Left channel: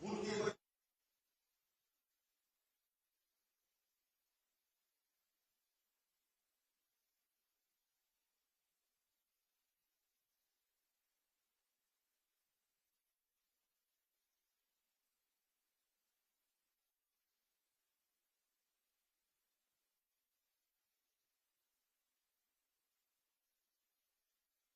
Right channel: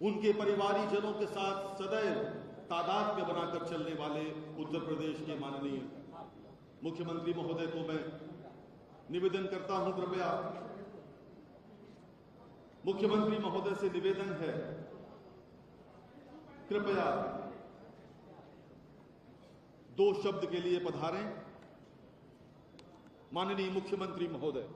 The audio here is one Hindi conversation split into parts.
उनके परिवारीजनों के साथ सदैव तादात्म्य बनाकर चलने वाले उत्तर प्रदेश के माननीय मुख्यमंत्री महोदय को मैं निवेदन करता हूं, कृपया मुख्यमंत्री महोदय से निवेदन है, कृपया 2 शब्द के लिए पधारें। माननीय मुख्यमंत्री महोदय।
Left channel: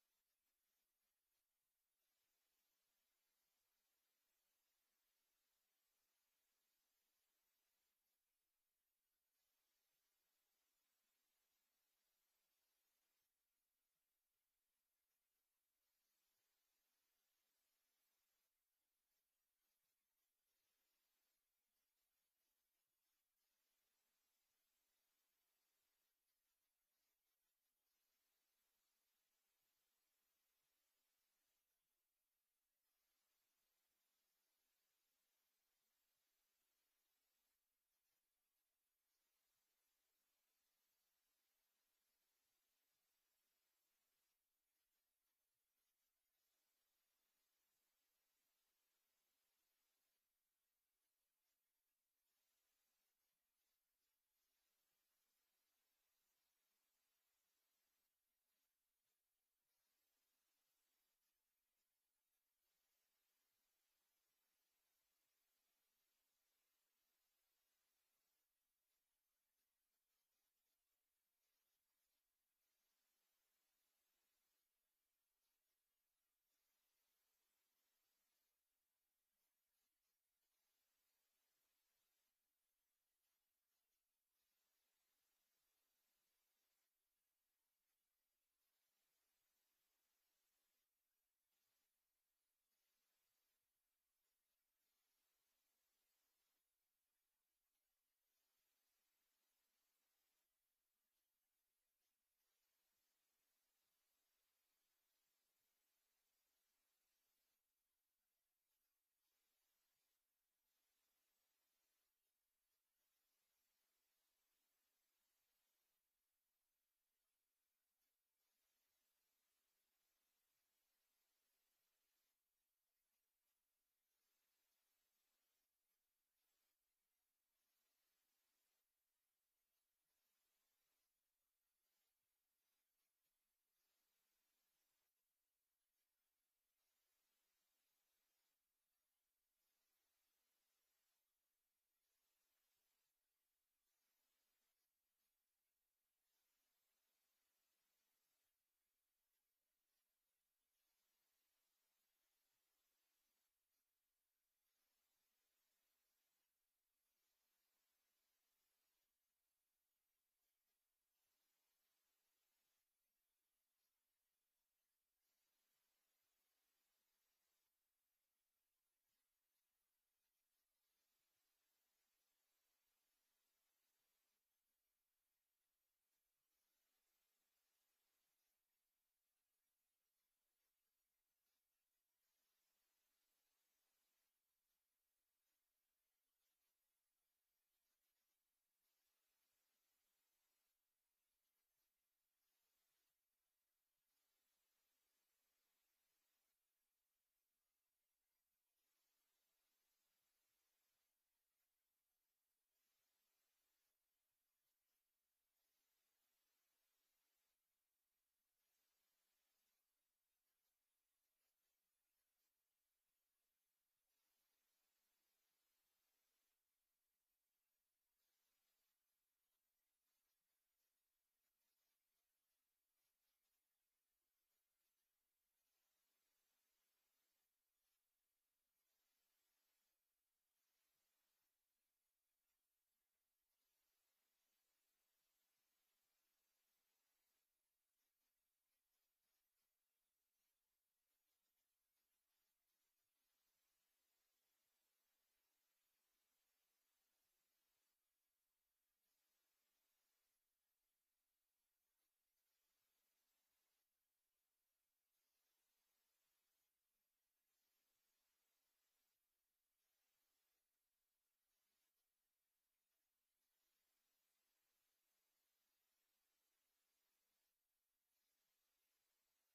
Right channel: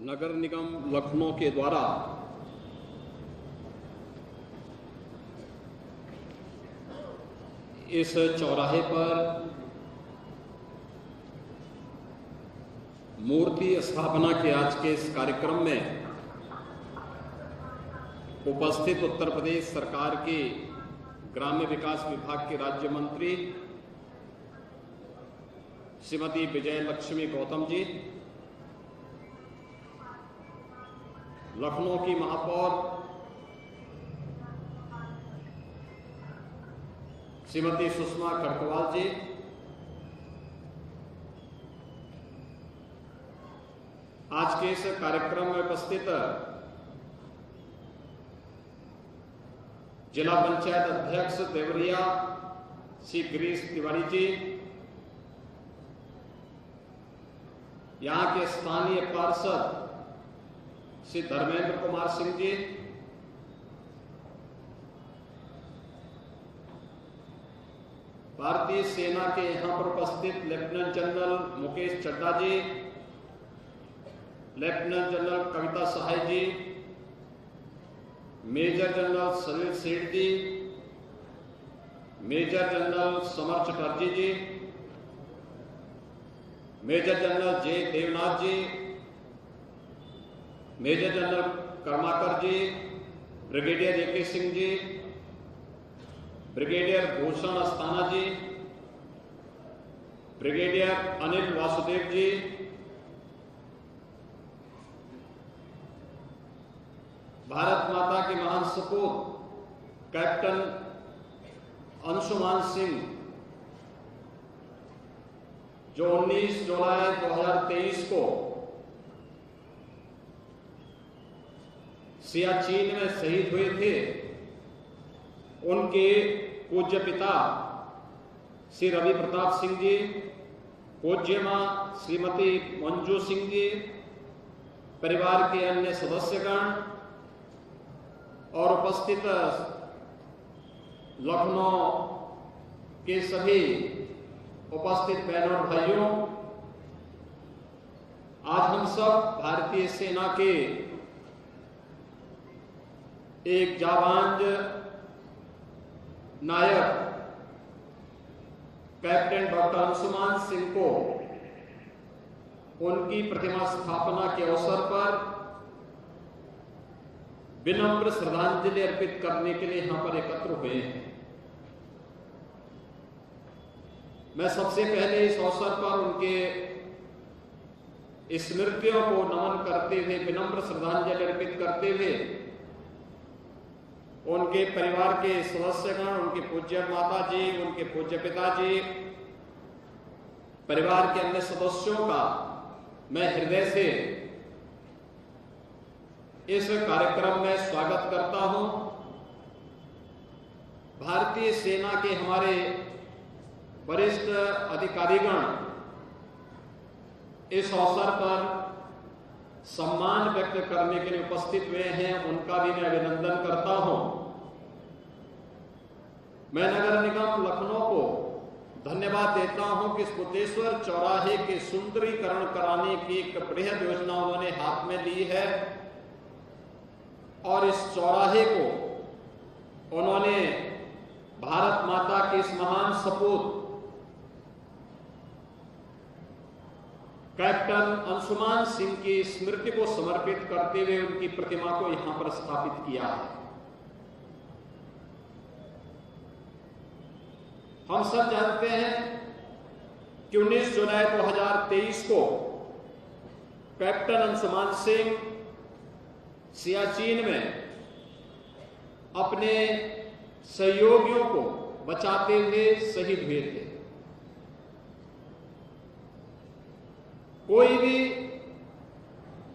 नगर निगम लखनऊ के द्वारा इस चौराहे पर मूर्ति स्थापना के आज के इस कार्यक्रम में उपस्थित उत्तर प्रदेश सरकार के ग्राम्य विकास विभाग के राज्य मंत्री श्रीमती विजय लक्ष्मी गौतम जी, लखनऊ की महापौर श्रीमती सुषमा खड़गवाल जी, आज के इस कार्यक्रम में उपस्थित जिला पंचायत अध्यक्ष देवरिया श्री गिरीश तिवारी जी, यहां के स्थानीय पार्षद श्री धर्मेंद्र कुमार सिंह जी, भारतीय सेना के यहां पर उपस्थित लेफ्टिनेंट जनरल मुकेश चड्डा जी, लेफ्टिनेंट जनरल कविता सहाय जी, मेजर जनरल सलील सेठ जी, मेजर जनरल समर चटर्जी जी, मेजर जनरल जे देवनाथ जी, मेजर जनरल कर्माकर जी, brigadier A K. Singh ji, brigadier Bhushan Asthana जी, ब्रिगेडियर अनिल वासुदेव जी, भारत माता के महान सपूत कैप्टन अंशुमान सिंह, जो 19 जुलाई 2023 को सियाचिन में शहीद हुए थे, उनके पूज्य पिता श्री रवि प्रताप सिंह जी, पूज्य मां श्रीमती मंजू सिंह जी, परिवार के अन्य सदस्यगण और उपस्थित लखनऊ के सभी उपस्थित बहनों और भाइयों, आज हम सब भारतीय सेना के एक जाबांज नायक कैप्टन डॉक्टर अंशुमान सिंह को उनकी प्रतिमा स्थापना के अवसर पर विनम्र श्रद्धांजलि अर्पित करने के लिए यहां पर एकत्र हुए हैं। मैं सबसे पहले इस अवसर पर उनके स्मृतियों को नमन करते हुए, विनम्र श्रद्धांजलि अर्पित करते हुए उनके परिवार के सदस्यगण, उनके पूज्य माता जी, उनके पूज्य पिताजी, परिवार के अन्य सदस्यों का मैं हृदय से इस कार्यक्रम में स्वागत करता हूं। भारतीय सेना के हमारे वरिष्ठ अधिकारीगण इस अवसर पर सम्मान व्यक्त करने के लिए उपस्थित हुए हैं, उनका भी मैं अभिनंदन करता हूं। मैं नगर निगम लखनऊ को धन्यवाद देता हूं कि इस बुद्धेश्वर चौराहे के सुंदरीकरण कराने की एक बृहद योजना उन्होंने हाथ में ली है और इस चौराहे को उन्होंने भारत माता के इस महान सपूत कैप्टन अंशुमान सिंह की स्मृति को समर्पित करते हुए उनकी प्रतिमा को यहां पर स्थापित किया है। हम सब जानते हैं कि 19 जुलाई 2023 को कैप्टन अंशुमान सिंह सियाचिन में अपने सहयोगियों को बचाते हुए शहीद हुए थे। कोई भी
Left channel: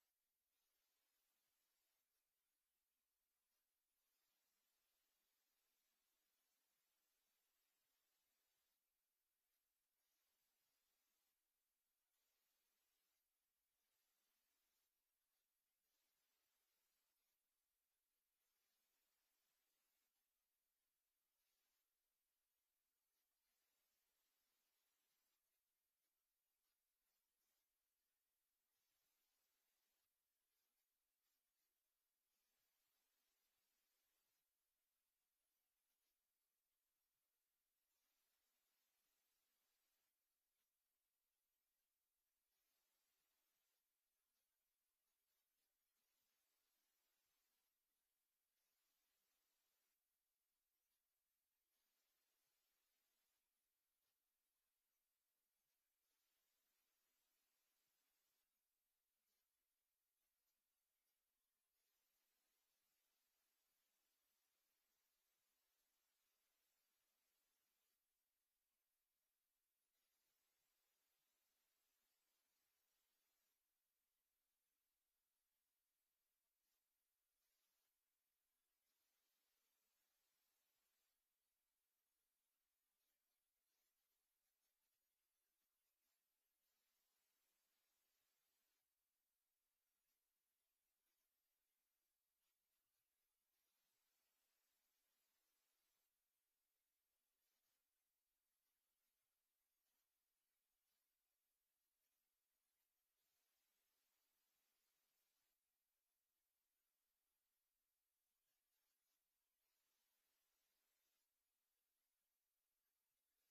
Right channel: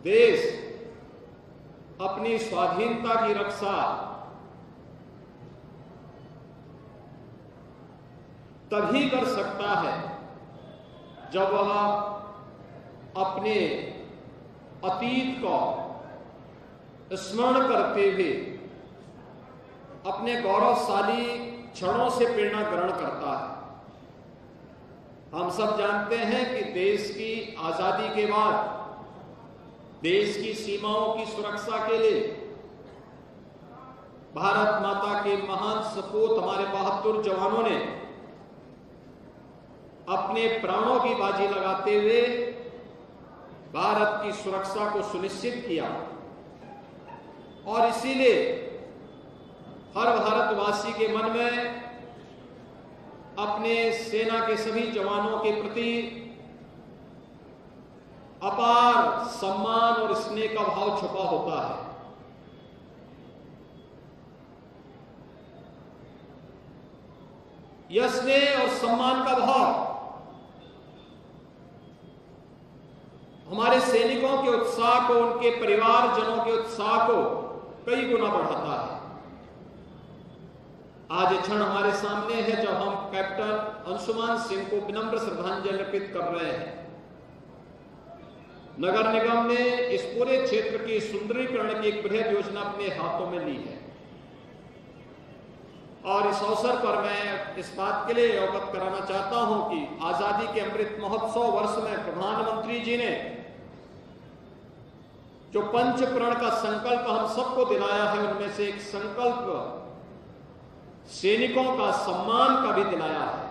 देश अपनी स्वाधीनता की रक्षा तभी कर सकता है जब वह अपने अतीत को स्मरण करते हुए अपने गौरवशाली क्षणों से प्रेरणा ग्रहण करता है। हम सब जानते हैं कि देश की आजादी के बाद देश की सीमाओं की सुरक्षा के लिए भारत माता के महान सपूत हमारे बहादुर जवानों ने अपने प्राणों की बाजी लगाते हुए भारत की सुरक्षा को सुनिश्चित किया और इसीलिए हर भारतवासी के मन में अपने सेना के सभी जवानों के प्रति अपार सम्मान और स्नेह का भाव छुपा होता है। यह स्नेह और सम्मान का भाव हमारे सैनिकों के उत्साह को, उनके परिवारजनों के उत्साह को कई गुना बढ़ाता है। आज ये क्षण हमारे सामने है जब हम कैप्टन अंशुमान सिंह को विनम्र श्रद्धांजलि अर्पित कर रहे हैं। नगर निगम ने इस पूरे क्षेत्र की सुंदरीकरण की एक बृहद योजना अपने हाथों में ली है और इस अवसर पर मैं इस बात के लिए अवगत कराना चाहता हूं कि आजादी के अमृत महोत्सव वर्ष में प्रधानमंत्री जी ने जो पंचप्रण का संकल्प हम सबको दिलाया है, उनमें से एक संकल्प सैनिकों का सम्मान का भी दिलाया है।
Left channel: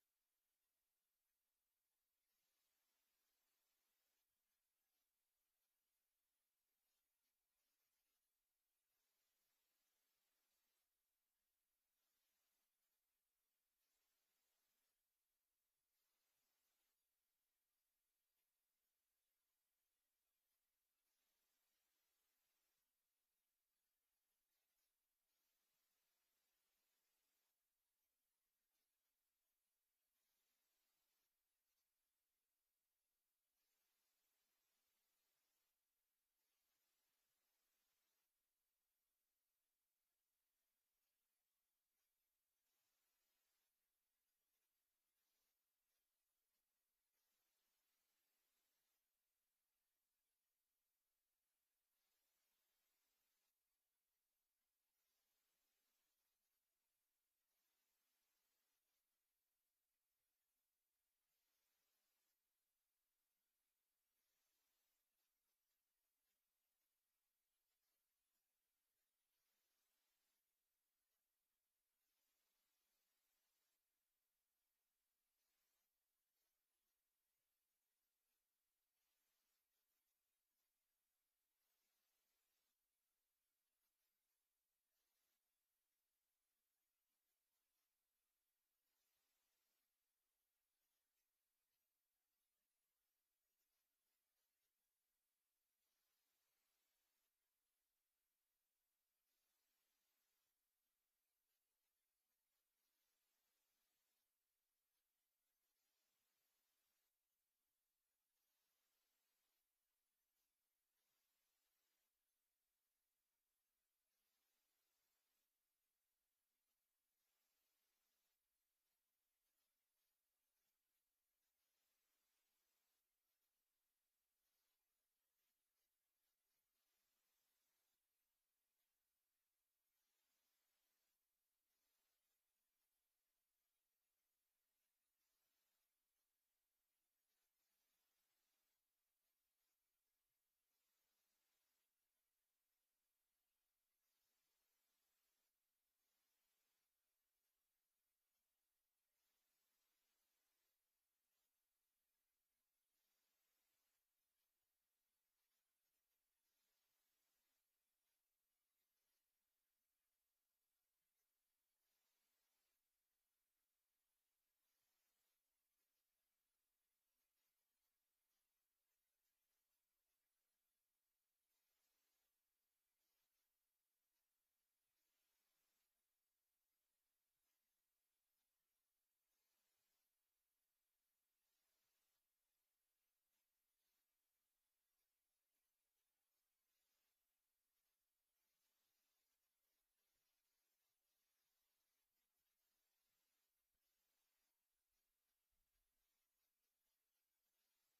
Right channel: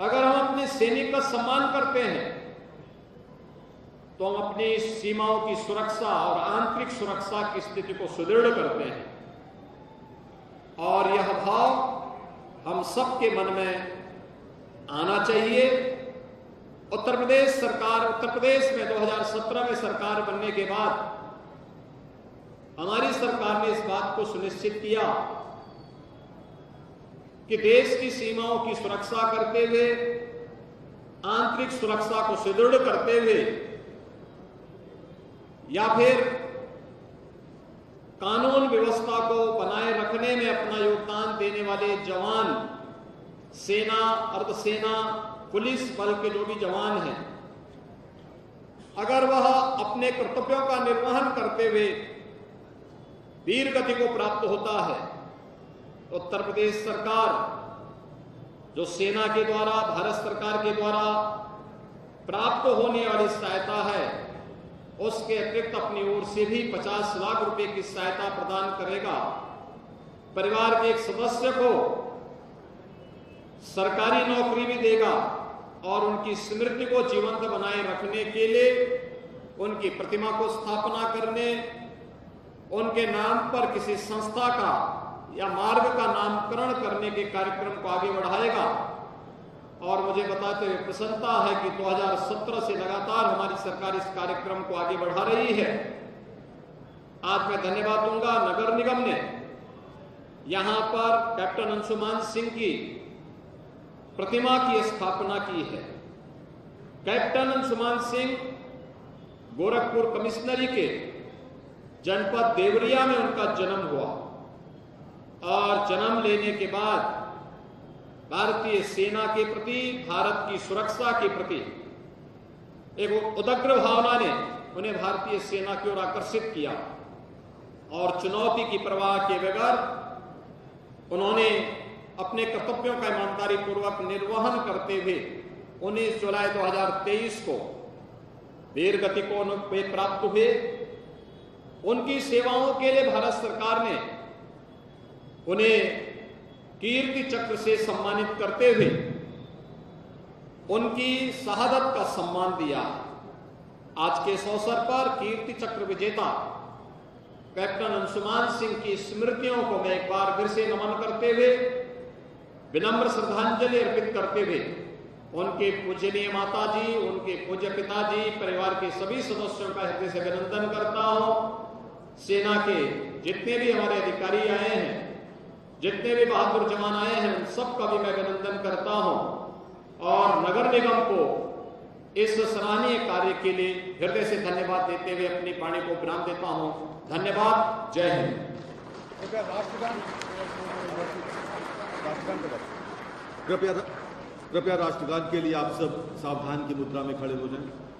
अगर हम अपने सैनिक का सम्मान करते हैं तो हम अपनी सीमाओं की सुरक्षा और आंतरिक सुरक्षा की स्थिति को सुदृढ़ करते हैं और यह भाव हम सबके मन में आना चाहिए। उत्तर प्रदेश में 2017 में सरकार बनने के बाद हमारी सरकार ने इस बात को सुनिश्चित किया कि देश की सीमाओं की सुरक्षा करते हुए, आंतरिक सुरक्षा को सुदृढ़ करते हुए या फिर कानून व्यवस्था को बनाए रखने में अपना योगदान देने वाले जवान, सेना, अर्धसेना, पुलिस बल के जो भी जवान हैं, अगर वह अपने कर्तव्यों का निर्वहन करते हुए वीर गति को प्राप्त होता है, उत्तर प्रदेश सरकार जो सेना के द्वारा, भारत सरकार के द्वारा प्राप्त होने वाली सहायता है, उसके अतिरिक्त अपनी ओर से भी 50 लाख रुपए की सहायता प्रदान करेगा। परिवार के एक सदस्य को सरकारी नौकरी भी देगा और उनकी स्मृति को जीवंत बनाए रखने के लिए उनकी प्रतिमा को स्थापना करने, उनके नाम पर किसी संस्था का या मार्ग का नामकरण करने के कार्यक्रम को आगे बढ़ाएगा। और मुझे बताते हुए प्रसन्नता है कि 2017 से लगातार हमारी सरकार इस कार्यक्रम को आगे बढ़ा रही है। आज मैं धन्यवाद दूंगा नगर निगम ने यहां पर कैप्टन अंशुमान सिंह की प्रतिमा की स्थापना की है। कैप्टन अंशुमान सिंह गोरखपुर कमिश्नरी के जनपद देवरिया में उनका जन्म हुआ और जन्म लेने के बाद भारतीय सेना के प्रति, भारत की सुरक्षा के प्रति एक उदग्र भावना ने उन्हें भारतीय सेना की ओर आकर्षित किया और चुनौती की परवाह किए बगैर उन्होंने अपने कर्तव्यों का ईमानदारी पूर्वक निर्वहन करते हुए 19 जुलाई 2023 को वीर गति को वे प्राप्त हुए। उनकी सेवाओं के लिए भारत सरकार ने उन्हें कीर्ति चक्र से सम्मानित करते हुए उनकी शहादत का सम्मान दिया। आज के इस अवसर पर कीर्ति चक्र विजेता कैप्टन अंशुमान सिंह की स्मृतियों को मैं एक बार फिर से नमन करते हुए विनम्र श्रद्धांजलि अर्पित करते हुए उनके पूजनीय माता जी, उनके पूज्य पिताजी, परिवार के सभी सदस्यों का हृदय से अभिनंदन करता हूं। सेना के जितने भी हमारे अधिकारी आए हैं, जितने भी बहादुर जवान आए हैं, उन सबका भी मैं अभिनंदन करता हूं और नगर निगम को इस सराहनीय कार्य के लिए हृदय से धन्यवाद देते हुए अपनी वाणी को विराम देता हूं। धन्यवाद। जय हिंद। कृपया राष्ट्रगान के लिए आप सब सावधान की मुद्रा में खड़े हो जाएं।